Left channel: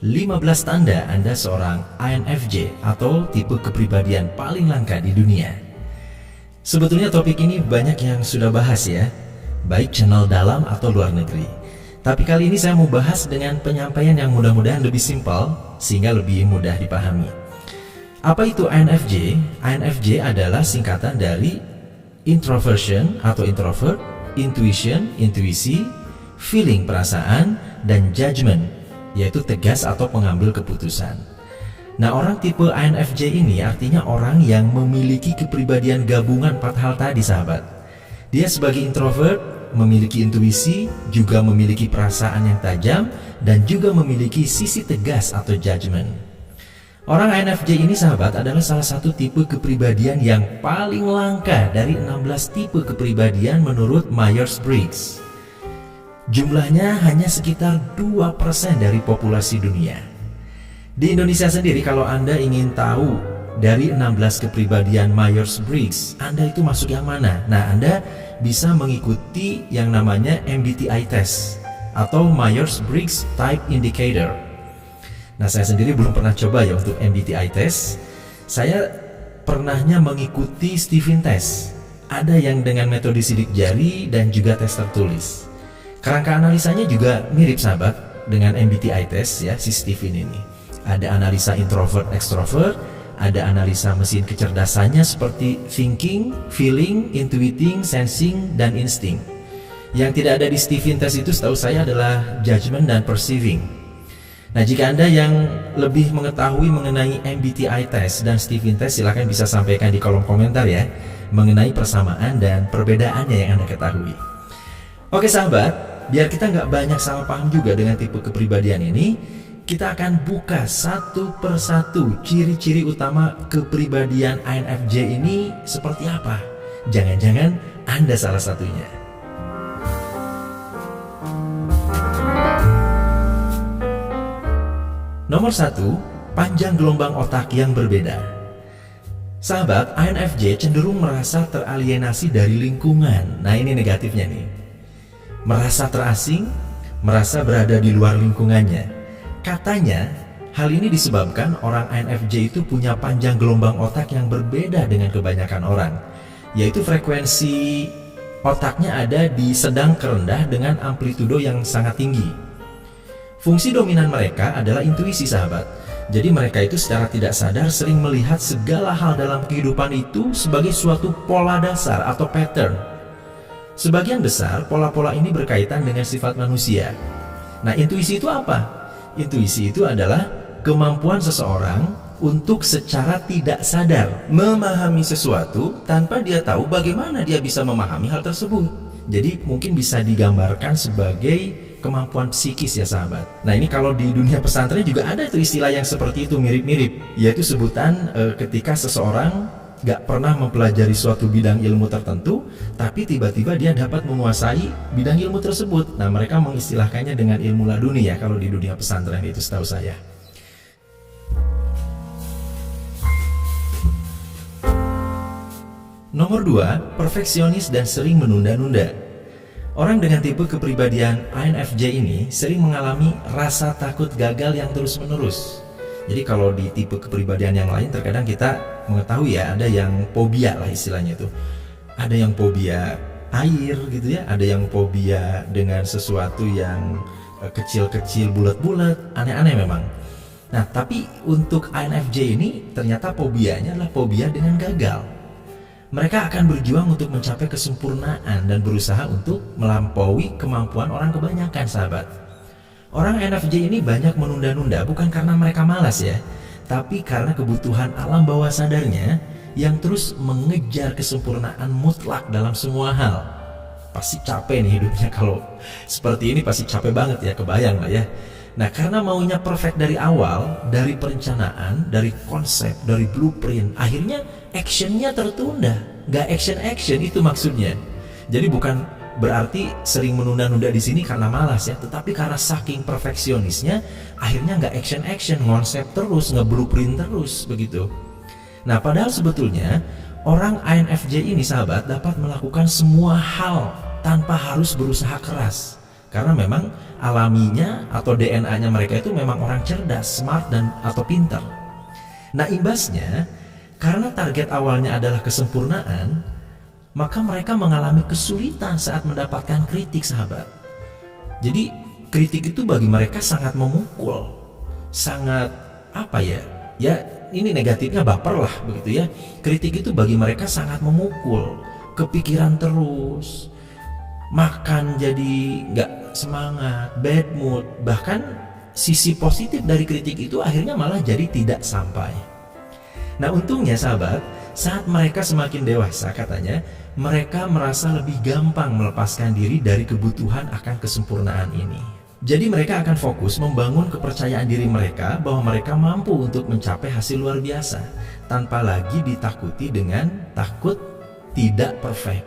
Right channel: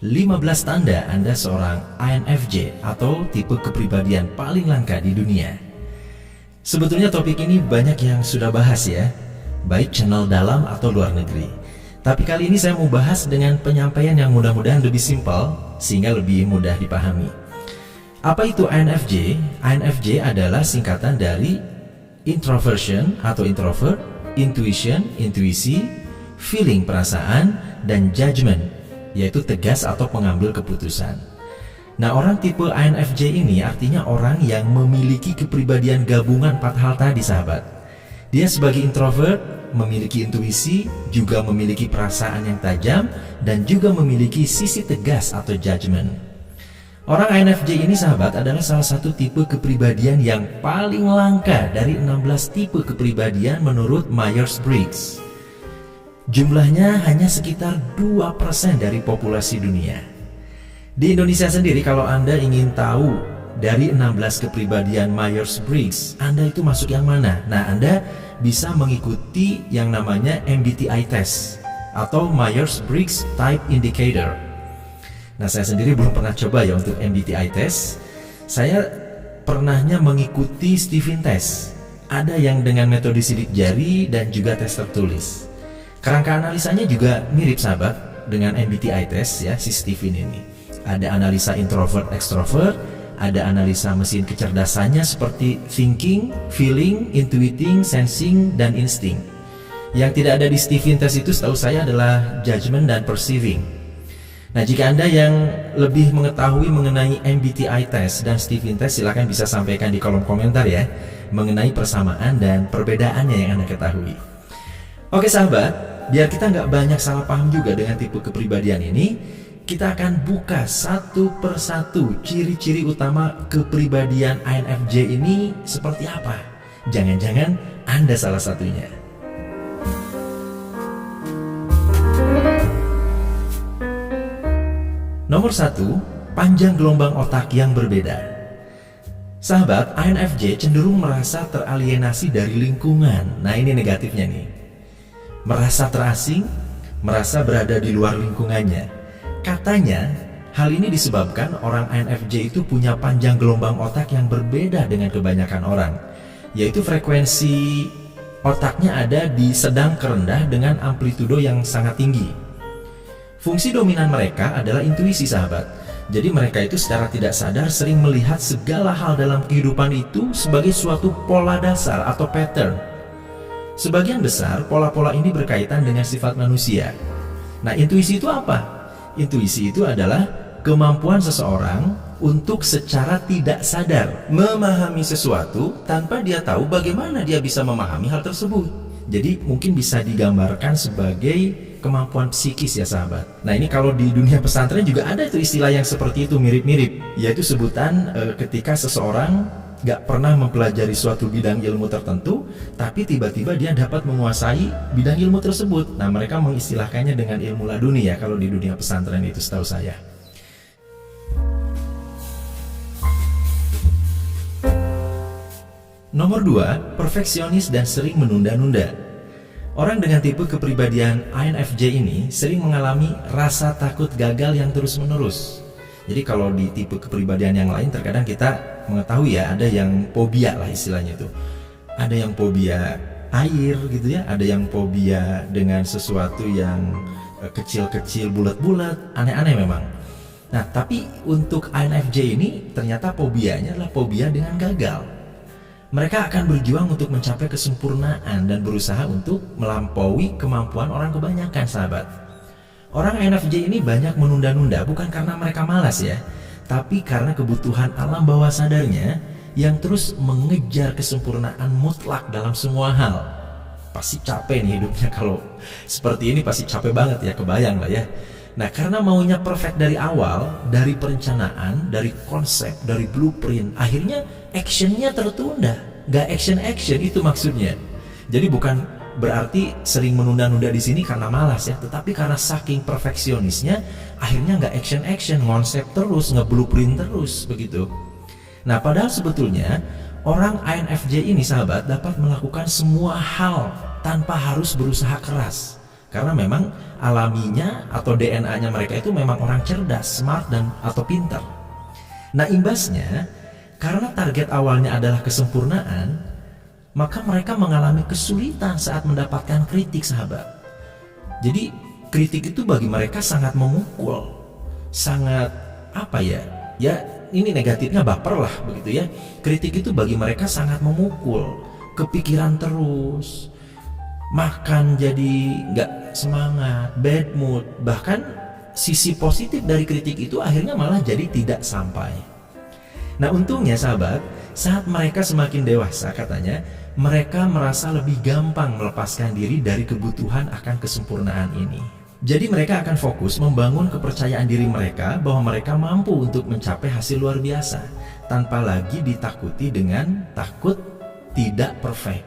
15 tanda Anda seorang INFJ atau tipe kepribadian paling langka di dunia. Sebetulnya topik ini banyak yang sudah bahas ya, baik channel dalam atau luar negeri. Tapi kali ini saya mau bahas dengan penyampaian yang mudah-mudahan lebih simpel sehingga lebih mudah dipahami. Apa itu INFJ? INFJ adalah singkatan dari introversion atau introvert, intuition, intuisi, feeling perasaan, dan judgment, yaitu tegas atau pengambil keputusan. Nah, orang tipe INFJ ini artinya orang yang memiliki kepribadian gabungan 4 hal tadi, sahabat. Dia sebagai introvert memiliki intuisi, juga memiliki perasaan yang tajam, dan juga memiliki sisi tegas atau judgment. Orang INFJ ini, sahabat, adalah salah satu tipe kepribadian yang paling langka dari 16 tipe kepribadian menurut Myers-Briggs. Jumlahnya hanya sekitar 2% dari populasi dunia. Di Indonesia sendiri, kalau Anda ingin tahu dari 16 kepribadian Myers-Briggs, Anda itu masuk yang mana? Nah, Anda bisa mengikuti yang namanya MBTI test atau Myers-Briggs Type Indicator. Nah, saya sendiri belum pernah coba ya untuk MBTI test. Saya pernahnya mengikuti Stephen test. Ada yang dengan metode sidik jari dan juga tes tertulis. Kerangka analisanya juga mirip, sahabat, dengan MBTI test ya, si Stephen ini. Ada analisa introvert extrovert, ada analisa mesin kecerdasannya seperti thinking, feeling, intuiting, sensing, dan instinct. Yang tidak ada di Stephen test itu setahu saya adalah judgment dan perceiving. Nah, jika Anda yang lebih mengetahui mengenai MBTI test dan Stephen test, silahkan bisa sampaikan di kolom komentar ya, mengenai persamaan dan perbedaannya yang Anda ketahui. Oke, sahabat, biar kita nggak banyak salah paham juga dengan tipe kepribadian ini, kita akan buka satu persatu ciri-ciri utama kepribadian INFJ ini seperti apa. Jangan-jangan Anda salah satunya. Nomor 1, panjang gelombang otak yang berbeda. Sahabat, INFJ cenderung merasa teralienasi dari lingkungan. Nah, ini negatifnya nih. Merasa terasing, merasa berada di luar lingkungannya. Katanya, hal ini disebabkan orang INFJ itu punya panjang gelombang otak yang berbeda dengan kebanyakan orang, yaitu frekuensi otaknya ada di sedang ke rendah dengan amplitudo yang sangat tinggi. Fungsi dominan mereka adalah intuisi, sahabat. Jadi mereka itu secara tidak sadar sering melihat segala hal dalam kehidupan itu sebagai suatu pola dasar atau pattern. Sebagian besar pola-pola ini berkaitan dengan sifat manusia. Nah, intuisi itu apa? Intuisi itu adalah kemampuan seseorang untuk secara tidak sadar memahami sesuatu tanpa dia tahu bagaimana dia bisa memahami hal tersebut. Jadi mungkin bisa digambarkan sebagai kemampuan psikis ya, sahabat. Nah, ini kalau di dunia pesantren juga ada itu istilah yang seperti itu, mirip-mirip, yaitu sebutan ketika seseorang gak pernah mempelajari suatu bidang ilmu tertentu, tapi tiba-tiba dia dapat menguasai bidang ilmu tersebut. Nah, mereka mengistilahkannya dengan ilmu laduni ya, kalau di dunia pesantren itu setahu saya. Nomor 2, perfeksionis dan sering menunda-nunda. Orang dengan tipe kepribadian INFJ ini sering mengalami rasa takut gagal yang terus-menerus. Jadi kalau di tipe kepribadian yang lain terkadang kita mengetahui ya, ada yang fobia lah istilahnya itu. Ada yang fobia air gitu ya, ada yang fobia dengan sesuatu yang kecil-kecil, bulat-bulat, aneh-aneh memang. Nah, tapi untuk INFJ ini ternyata fobianya adalah fobia dengan gagal. Mereka akan berjuang untuk mencapai kesempurnaan dan berusaha untuk melampaui kemampuan orang kebanyakan, sahabat. Orang INFJ ini banyak menunda-nunda bukan karena mereka malas ya, tapi karena kebutuhan alam bawah sadarnya yang terus mengejar kesempurnaan mutlak dalam semua hal. Pasti capek nih hidupnya kalau seperti ini, pasti capek banget ya, kebayang lah ya. Nah, karena maunya perfect dari awal, dari perencanaan, dari konsep, dari blueprint, akhirnya actionnya tertunda. Gak action itu maksudnya. Jadi bukan berarti sering menunda-nunda di sini karena malas ya, tetapi karena saking perfeksionisnya, akhirnya gak action, konsep terus, nge-blueprint terus begitu. Nah, padahal sebetulnya orang INFJ ini, sahabat, dapat melakukan semua hal tanpa harus berusaha keras. Karena memang alaminya atau DNA-nya mereka itu memang orang cerdas, smart dan atau pintar. Nah, imbasnya karena target awalnya adalah kesempurnaan, maka mereka mengalami kesulitan saat mendapatkan kritik, sahabat. Jadi kritik itu bagi mereka sangat memukul, sangat ya ini negatifnya baper lah begitu ya. Kritik itu bagi mereka sangat memukul, kepikiran terus, makan jadi nggak semangat, bad mood, bahkan sisi positif dari kritik itu akhirnya malah jadi tidak sampai. Nah, untungnya sahabat, saat mereka semakin dewasa katanya, mereka merasa lebih gampang melepaskan diri dari kebutuhan akan kesempurnaan ini. Jadi mereka akan fokus membangun kepercayaan diri mereka bahwa mereka mampu untuk mencapai hasil luar biasa, tanpa lagi ditakuti dengan takut tidak perfect,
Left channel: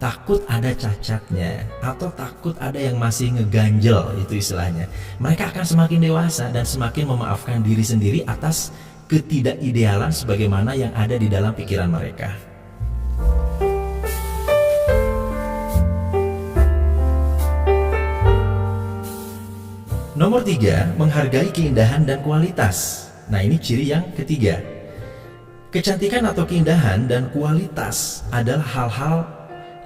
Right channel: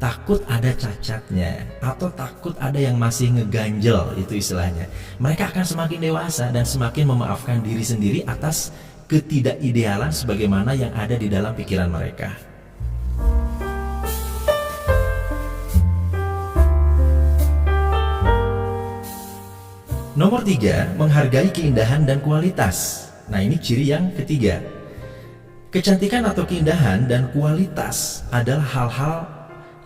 takut ada cacatnya, atau takut ada yang masih ngeganjel, itu istilahnya. Mereka akan semakin dewasa dan semakin memaafkan diri sendiri atas ketidakidealan sebagaimana yang ada di dalam pikiran mereka. Nomor 3, menghargai keindahan dan kualitas. Nah, ini ciri yang ketiga. Kecantikan atau keindahan dan kualitas adalah hal-hal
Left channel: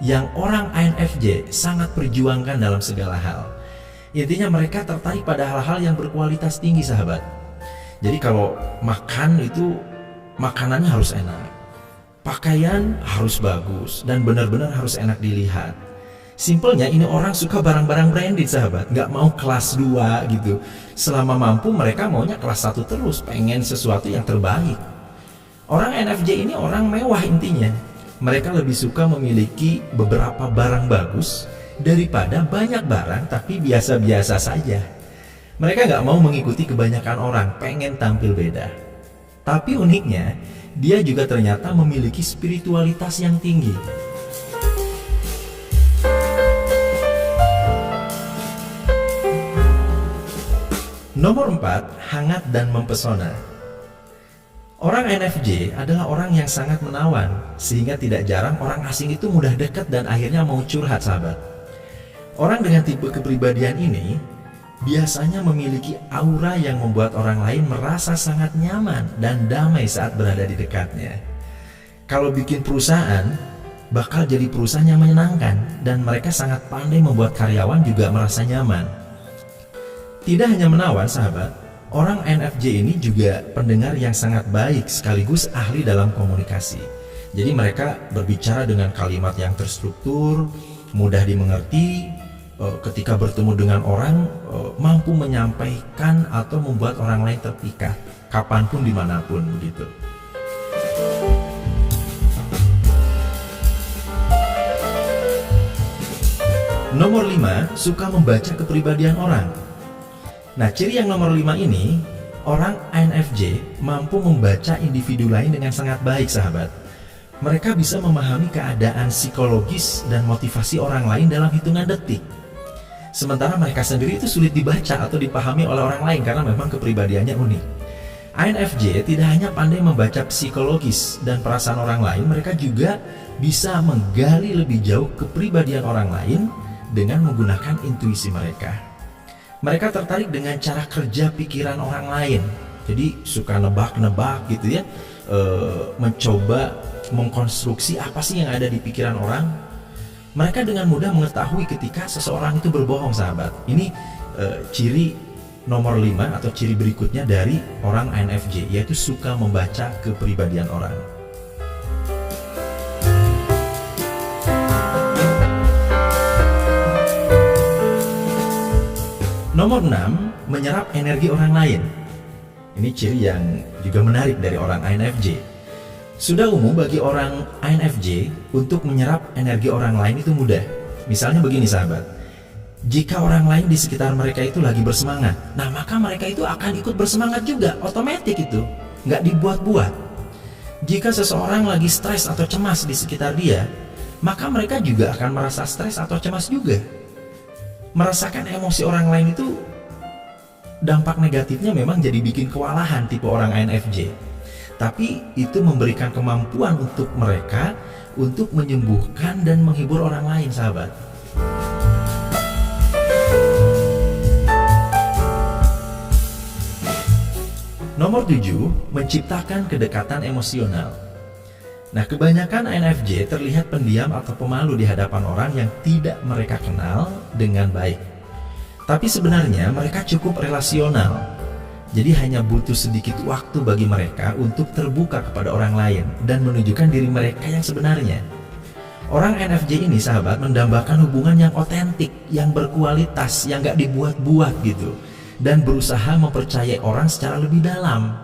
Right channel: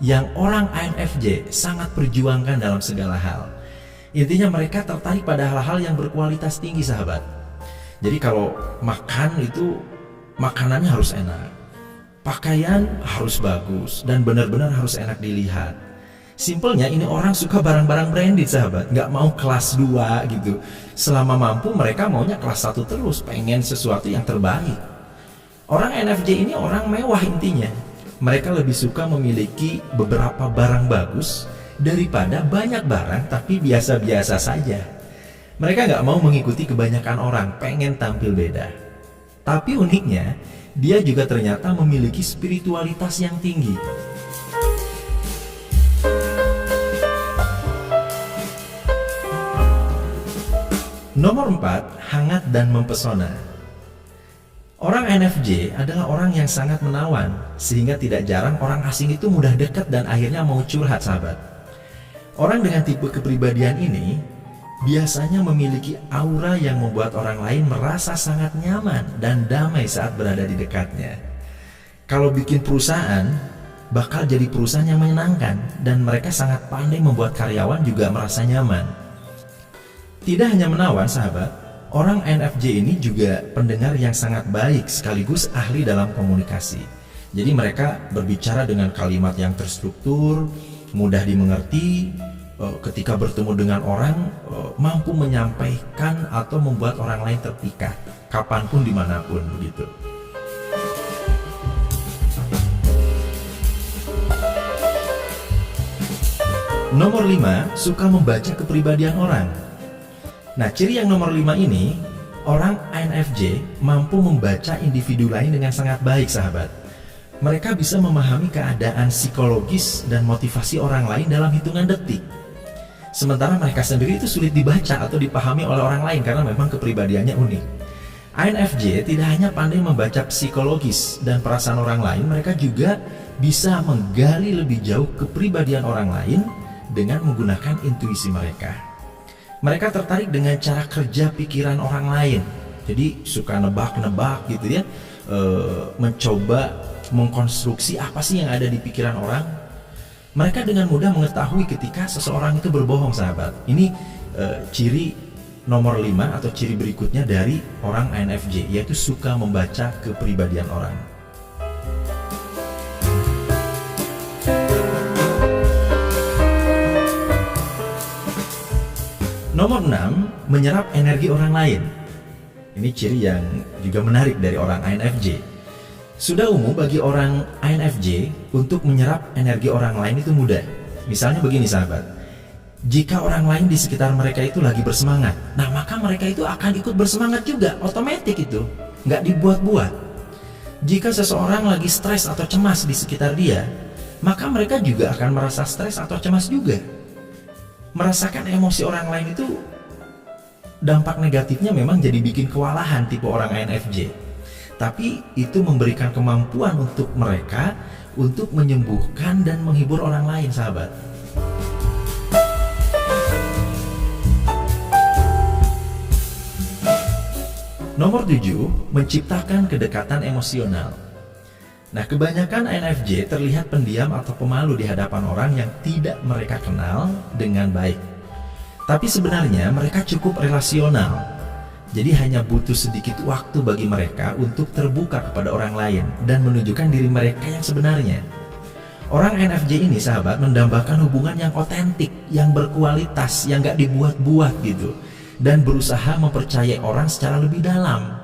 yang orang INFJ sangat perjuangkan dalam segala hal. Intinya mereka tertarik pada hal-hal yang berkualitas tinggi, sahabat. Jadi kalau makan itu makanannya harus enak, pakaian harus bagus, dan benar-benar harus enak dilihat. Simpelnya ini orang suka barang-barang branded, sahabat, nggak mau kelas 2 gitu. Selama mampu mereka maunya kelas 1 terus, pengen sesuatu yang terbaik. Orang INFJ ini orang mewah intinya. Mereka lebih suka memiliki beberapa barang bagus daripada banyak barang tapi biasa-biasa saja. Mereka nggak mau mengikuti kebanyakan orang, pengen tampil beda. Tapi uniknya, dia juga ternyata memiliki spiritualitas yang tinggi. Nomor 4, hangat dan mempesona. Orang INFJ adalah orang yang sangat menawan, sehingga tidak jarang orang asing itu mudah dekat dan akhirnya mau curhat, sahabat. Orang dengan tipe kepribadian ini biasanya memiliki aura yang membuat orang lain merasa sangat nyaman dan damai saat berada di dekatnya. Kalau bikin perusahaan, bakal jadi perusahaan yang menyenangkan, dan mereka sangat pandai membuat karyawan juga merasa nyaman. Tidak hanya menawan, sahabat, orang INFJ ini juga pendengar yang sangat baik sekaligus ahli dalam komunikasi. Jadi mereka berbicara dengan kalimat yang terstruktur, mudah dimengerti, ketika bertemu dengan orang mampu menyampaikan atau membuat orang lain terpikat kapanpun dimanapun begitu. Nomor 5, suka membaca kepribadian orang. Nah, ciri yang nomor 5 ini, orang INFJ mampu membaca individu lain dengan sangat baik, sahabat. Mereka bisa memahami keadaan psikologis dan motivasi orang lain dalam hitungan detik. Sementara mereka sendiri itu sulit dibaca atau dipahami oleh orang lain karena memang kepribadiannya unik. INFJ tidak hanya pandai membaca psikologis dan perasaan orang lain, mereka juga bisa menggali lebih jauh kepribadian orang lain dengan menggunakan intuisi mereka. Mereka tertarik dengan cara kerja pikiran orang lain. Jadi suka nebak-nebak gitu ya, mencoba mengkonstruksi apa sih yang ada di pikiran orang. Mereka dengan mudah mengetahui ketika seseorang itu berbohong, sahabat. Ini ciri nomor 5 atau ciri berikutnya dari orang INFJ, yaitu suka membaca kepribadian orang. Nomor 6, menyerap energi orang lain. Ini ciri yang juga menarik dari orang INFJ. Sudah umum bagi orang INFJ untuk menyerap energi orang lain itu mudah. Misalnya begini, sahabat. Jika orang lain di sekitar mereka itu lagi bersemangat, nah maka mereka itu akan ikut bersemangat juga, otomatis itu, nggak dibuat-buat. Jika seseorang lagi stres atau cemas di sekitar dia, maka mereka juga akan merasa stres atau cemas juga. Merasakan emosi orang lain itu dampak negatifnya memang jadi bikin kewalahan tipe orang INFJ. Tapi itu memberikan kemampuan untuk mereka untuk menyembuhkan dan menghibur orang lain, sahabat. Nomor 7, menciptakan kedekatan emosional. Nah, kebanyakan INFJ terlihat pendiam atau pemalu di hadapan orang yang tidak mereka kenal dengan baik. Tapi sebenarnya mereka cukup relasional. Jadi hanya butuh sedikit waktu bagi mereka untuk terbuka kepada orang lain dan menunjukkan diri mereka yang sebenarnya. Orang INFJ ini, sahabat, mendambakan hubungan yang otentik, yang berkualitas, yang gak dibuat-buat gitu, dan berusaha mempercayai orang secara lebih dalam.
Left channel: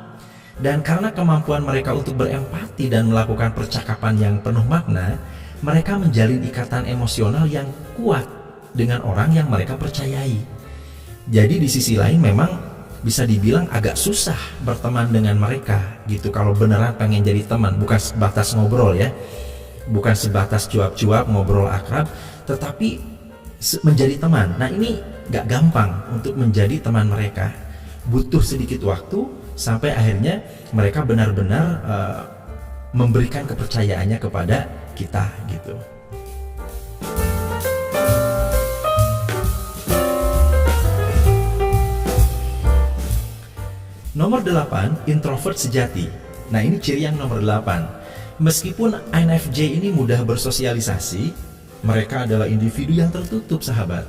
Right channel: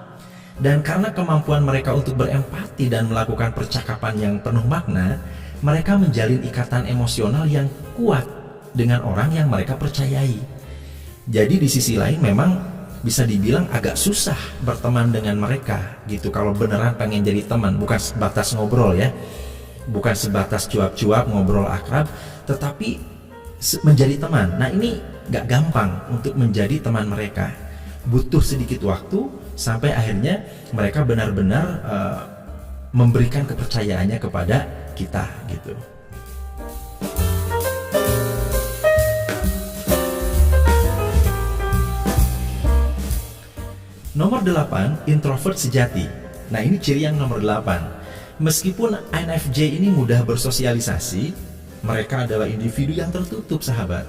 Dan karena kemampuan mereka untuk berempati dan melakukan percakapan yang penuh makna, mereka menjalin ikatan emosional yang kuat dengan orang yang mereka percayai. Jadi di sisi lain memang bisa dibilang agak susah berteman dengan mereka gitu kalau beneran pengen jadi teman, bukan sebatas ngobrol ya. Bukan sebatas cuap-cuap, ngobrol akrab, tetapi menjadi teman. Nah, ini gak gampang untuk menjadi teman mereka. Butuh sedikit waktu sampai akhirnya mereka benar-benar memberikan kepercayaannya kepada kita gitu. Nomor 8, introvert sejati. Nah, ini ciri yang nomor 8. Meskipun INFJ ini mudah bersosialisasi, mereka adalah individu yang tertutup, sahabat.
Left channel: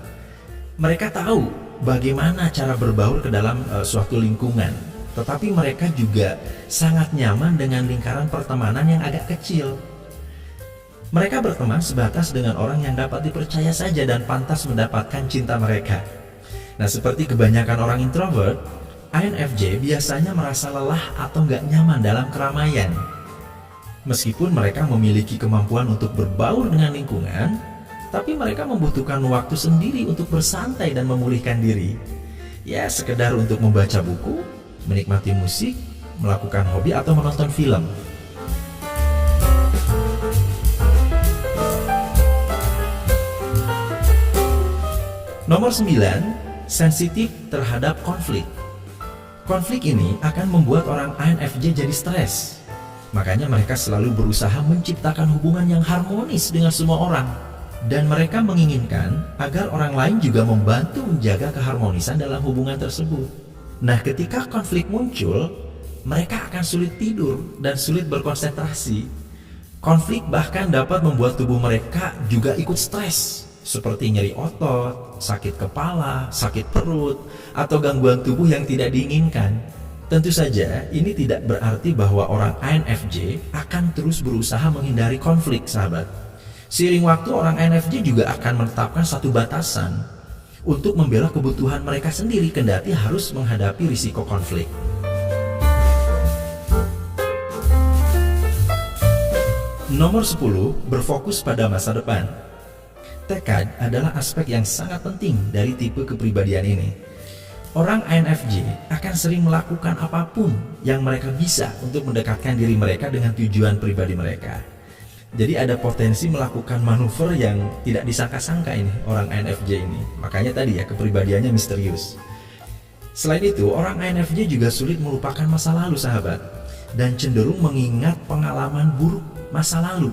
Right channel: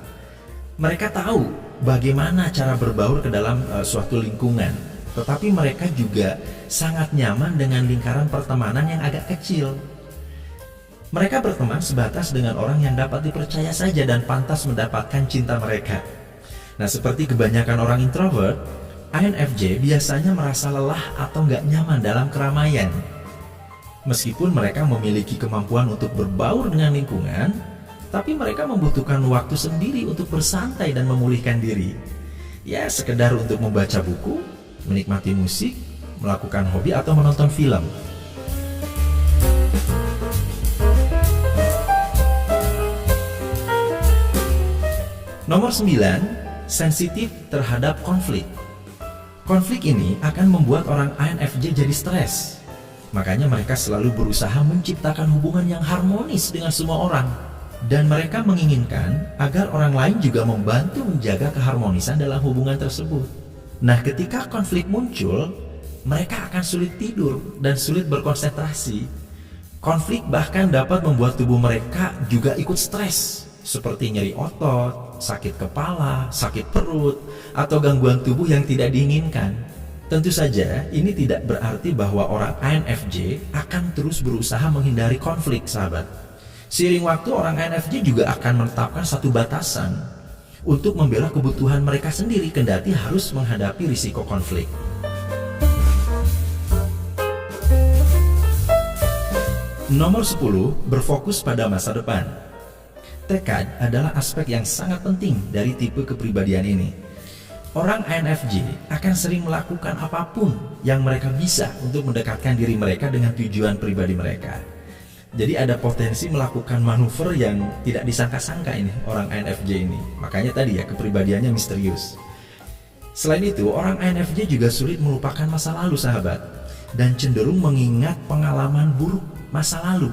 Mereka tahu bagaimana cara berbaur ke dalam suatu lingkungan, tetapi mereka juga sangat nyaman dengan lingkaran pertemanan yang agak kecil. Mereka berteman sebatas dengan orang yang dapat dipercaya saja dan pantas mendapatkan cinta mereka. Nah, seperti kebanyakan orang introvert, INFJ biasanya merasa lelah atau nggak nyaman dalam keramaian. Meskipun mereka memiliki kemampuan untuk berbaur dengan lingkungan, tapi mereka membutuhkan waktu sendiri untuk bersantai dan memulihkan diri. Ya, sekedar untuk membaca buku, menikmati musik, melakukan hobi atau menonton film. Nomor 9, sensitif terhadap konflik. Konflik ini akan membuat orang INFJ jadi stres. Makanya mereka selalu berusaha menciptakan hubungan yang harmonis dengan semua orang. Dan mereka menginginkan agar orang lain juga membantu menjaga keharmonisan dalam hubungan tersebut. Nah, ketika konflik muncul, mereka akan sulit tidur dan sulit berkonsentrasi. Konflik bahkan dapat membuat tubuh mereka juga ikut stres, seperti nyeri otot, sakit kepala, sakit perut, atau gangguan tubuh yang tidak diinginkan. Tentu saja ini tidak berarti bahwa orang INFJ akan terus berusaha menghindari konflik, sahabat. Seiring waktu, orang INFJ juga akan menetapkan satu batasan untuk membela kebutuhan mereka sendiri kendati harus menghadapi risiko konflik. Nomor 10, berfokus pada masa depan. Tekad adalah aspek yang sangat penting dari tipe kepribadian ini. Orang INFJ akan sering melakukan apapun yang mereka bisa untuk mendekatkan diri mereka dengan tujuan pribadi mereka. Jadi ada potensi melakukan manuver yang tidak disangka-sangka ini orang INFJ ini. Makanya tadi ya, kepribadiannya misterius. Selain itu, orang INFJ juga sulit melupakan masa lalu, sahabat, dan cenderung mengingat pengalaman buruk masa lalu.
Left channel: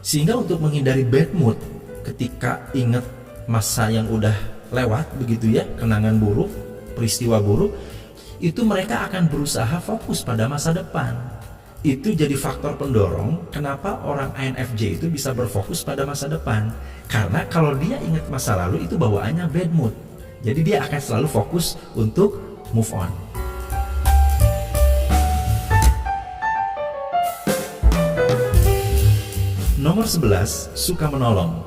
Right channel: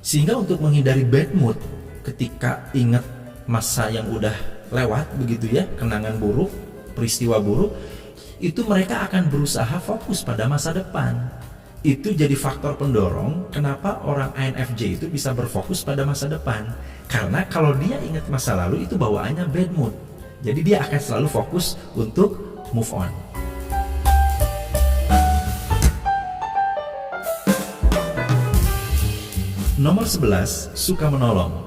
Sehingga untuk menghindari bad mood ketika ingat masa yang udah lewat begitu ya, kenangan buruk, peristiwa buruk, itu mereka akan berusaha fokus pada masa depan. Itu jadi faktor pendorong kenapa orang INFJ itu bisa berfokus pada masa depan. Karena kalau dia ingat masa lalu, itu bawaannya bad mood. Jadi dia akan selalu fokus untuk move on. Nomor 11, suka menolong.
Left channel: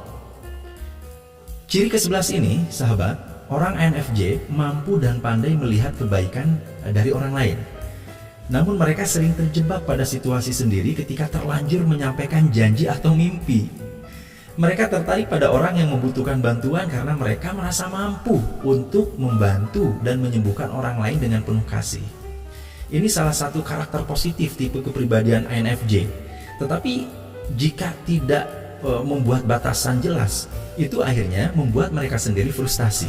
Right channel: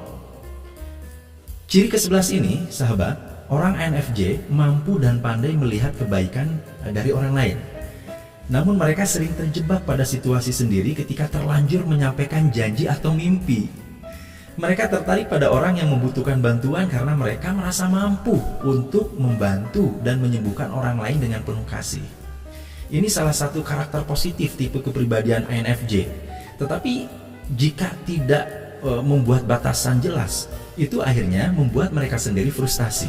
Ciri ke-11 ini, sahabat, orang INFJ mampu dan pandai melihat kebaikan dari orang lain. Namun mereka sering terjebak pada situasi sendiri ketika terlanjur menyampaikan janji atau mimpi. Mereka tertarik pada orang yang membutuhkan bantuan karena mereka merasa mampu untuk membantu dan menyembuhkan orang lain dengan penuh kasih. Ini salah satu karakter positif tipe kepribadian INFJ. Tetapi jika tidak membuat batasan jelas, itu akhirnya membuat mereka sendiri frustasi.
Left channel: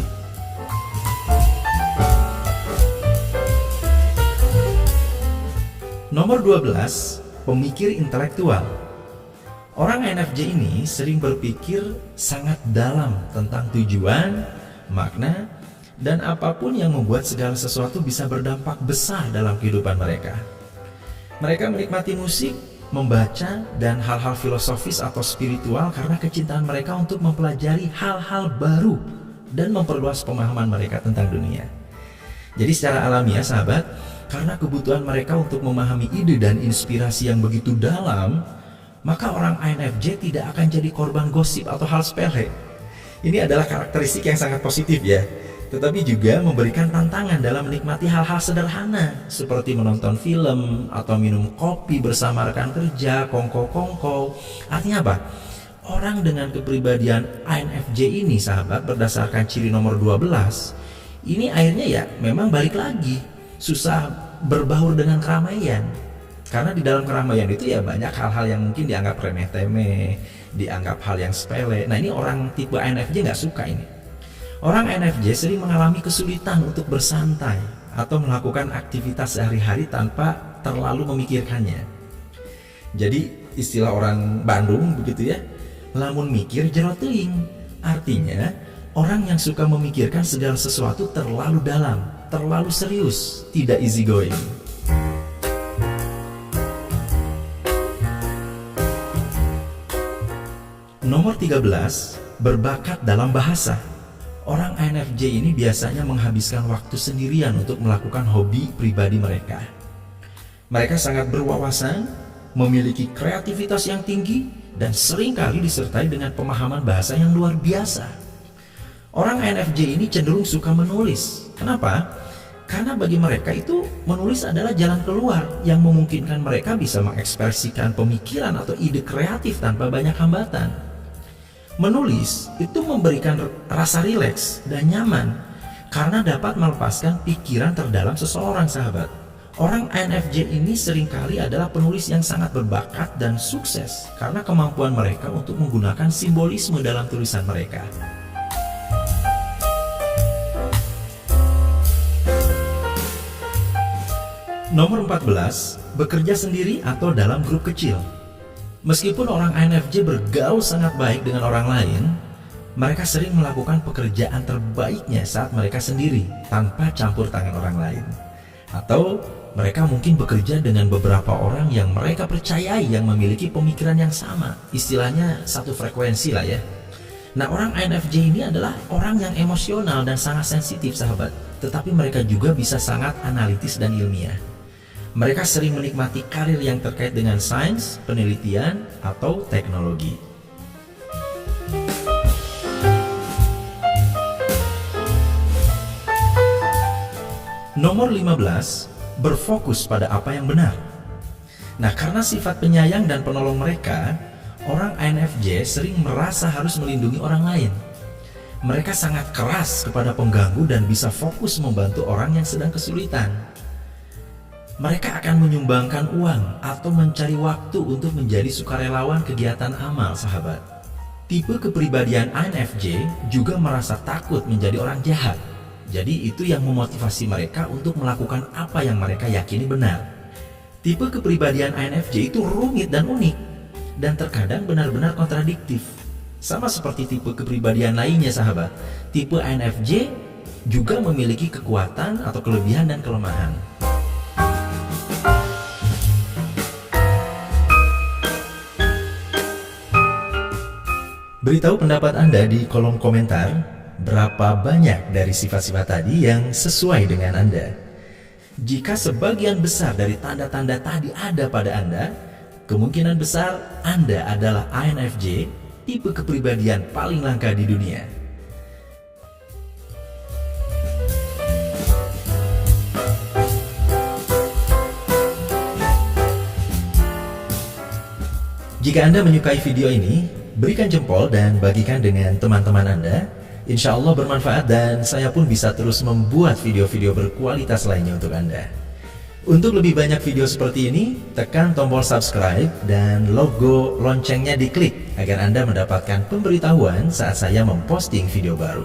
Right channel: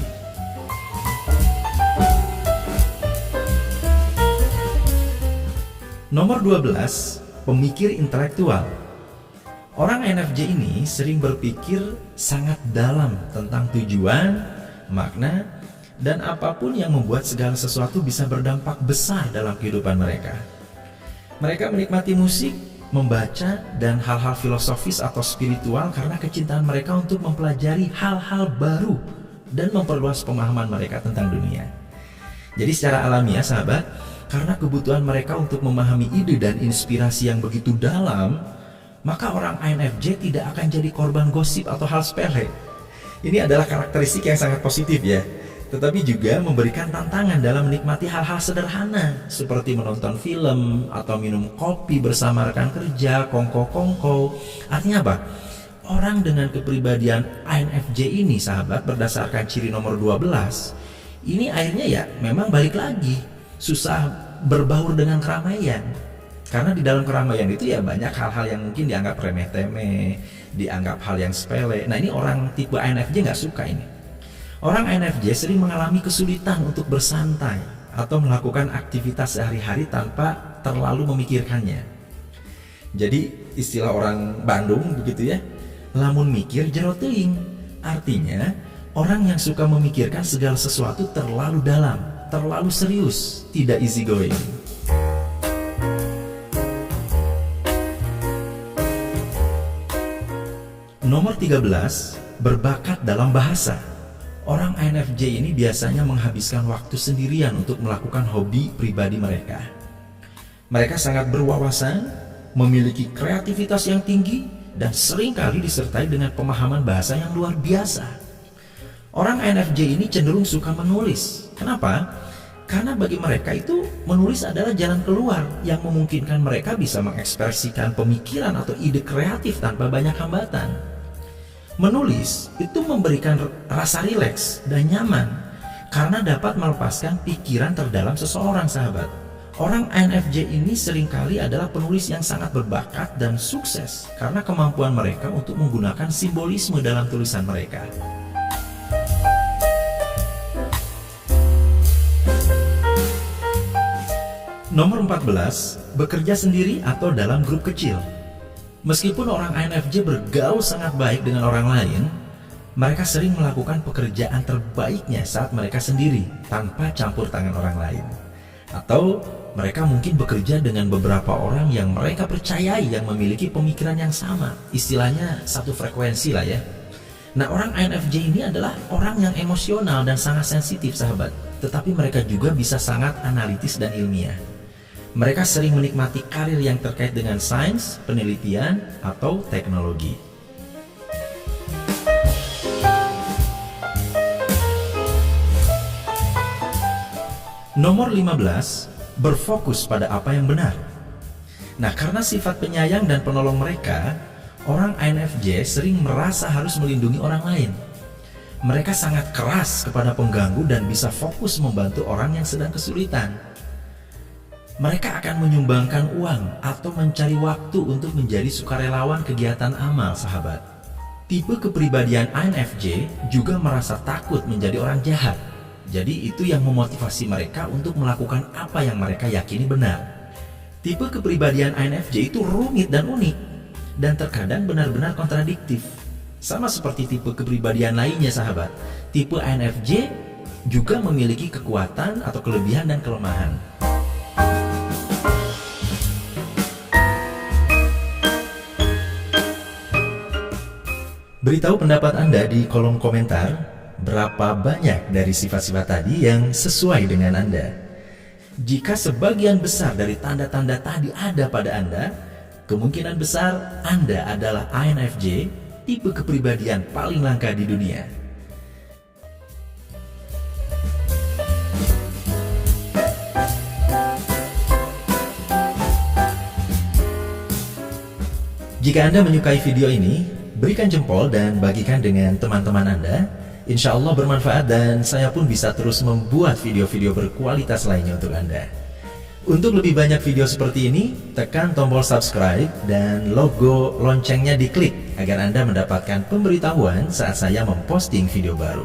Nomor 12, pemikir intelektual. Orang INFJ ini sering berpikir sangat dalam tentang tujuan, makna, dan apapun yang membuat segala sesuatu bisa berdampak besar dalam kehidupan mereka. Mereka menikmati musik, membaca, dan hal-hal filosofis atau spiritual karena kecintaan mereka untuk mempelajari hal-hal baru dan memperluas pemahaman mereka tentang dunia. Jadi secara alamiah sahabat, karena kebutuhan mereka untuk memahami ide dan inspirasi yang begitu dalam, maka orang INFJ tidak akan jadi korban gosip atau hal sepele. Ini adalah karakteristik yang sangat positif ya, tetapi juga memberikan tantangan dalam menikmati hal-hal sederhana seperti menonton film atau minum kopi bersama rekan kerja, kongko-kongko. Artinya apa? Orang dengan kepribadian INFJ ini sahabat, berdasarkan ciri nomor 12, ini akhirnya ya memang balik lagi susah berbaur dengan keramaian. Karena di dalam keramaian itu ya banyak hal-hal yang mungkin dianggap remeh-temeh, dianggap hal yang sepele. Nah ini orang tipe INFJ nggak suka ini. Orang INFJ sering mengalami kesulitan untuk bersantai atau melakukan aktivitas sehari-hari tanpa terlalu memikirkannya. Jadi istilah orang Bandung begitu ya, lamun mikir jero teuing. Artinya orang yang suka memikirkan segala sesuatu terlalu dalam, terlalu serius, tidak easy going. Nomor 13, berbakat dalam bahasa. Orang INFJ ini biasanya menghabiskan waktu sendirian untuk melakukan hobi pribadi mereka. Mereka sangat berwawasan, memiliki kreativitas yang tinggi, dan seringkali disertai dengan pemahaman bahasa yang luar biasa. Orang INFJ ini cenderung suka menulis. Kenapa? Karena bagi mereka itu menulis adalah jalan keluar yang memungkinkan mereka bisa mengekspresikan pemikiran atau ide kreatif tanpa banyak hambatan. Menulis itu memberikan rasa rileks dan nyaman karena dapat melepaskan pikiran terdalam seseorang sahabat. Orang INFJ ini seringkali adalah penulis yang sangat berbakat dan sukses karena kemampuan mereka untuk menggunakan simbolisme dalam tulisan mereka. Nomor 14, bekerja sendiri atau dalam grup kecil. Meskipun orang INFJ bergaul sangat baik dengan orang lain, mereka sering melakukan pekerjaan terbaiknya saat mereka sendiri tanpa campur tangan orang lain. Atau mereka mungkin bekerja dengan beberapa orang yang mereka percayai yang memiliki pemikiran yang sama. Istilahnya satu frekuensi lah ya. Nah orang INFJ ini adalah orang yang emosional dan sangat sensitif sahabat. Tetapi mereka juga bisa sangat analitis dan ilmiah. Mereka sering menikmati karir yang terkait dengan sains, penelitian, atau teknologi. Nomor 15, berfokus pada apa yang benar. Nah, karena sifat penyayang dan penolong mereka, orang INFJ sering merasa harus melindungi orang lain. Mereka sangat keras kepada pengganggu dan bisa fokus membantu orang yang sedang kesulitan. Mereka akan menyumbangkan uang atau mencari waktu untuk menjadi sukarelawan kegiatan amal sahabat. Tipe kepribadian INFJ juga merasa takut menjadi orang jahat. Jadi itu yang memotivasi mereka untuk melakukan apa yang mereka yakini benar. Tipe kepribadian INFJ itu rumit dan unik dan terkadang benar-benar kontradiktif. Sama seperti tipe kepribadian lainnya sahabat, tipe INFJ juga memiliki kekuatan atau kelebihan dan kelemahan. Beritahu pendapat Anda di kolom komentar, berapa banyak dari sifat-sifat tadi yang sesuai dengan Anda. Jika sebagian besar dari tanda-tanda tadi ada pada Anda, kemungkinan besar Anda adalah INFJ, tipe kepribadian paling langka di dunia. Jika Anda menyukai video ini, berikan jempol dan bagikan dengan teman-teman Anda. Insya Allah bermanfaat dan saya pun bisa terus membuat video-video berkualitas lainnya untuk Anda. Untuk lebih banyak video seperti ini, tekan tombol subscribe dan logo loncengnya diklik agar Anda mendapatkan pemberitahuan saat saya memposting video baru.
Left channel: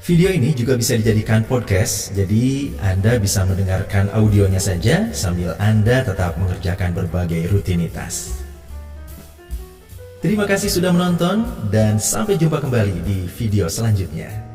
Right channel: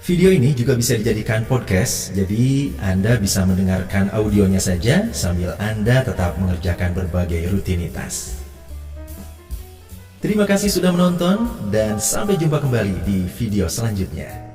Video ini juga bisa dijadikan podcast, jadi Anda bisa mendengarkan audionya saja sambil Anda tetap mengerjakan berbagai rutinitas. Terima kasih sudah menonton dan sampai jumpa kembali di video selanjutnya.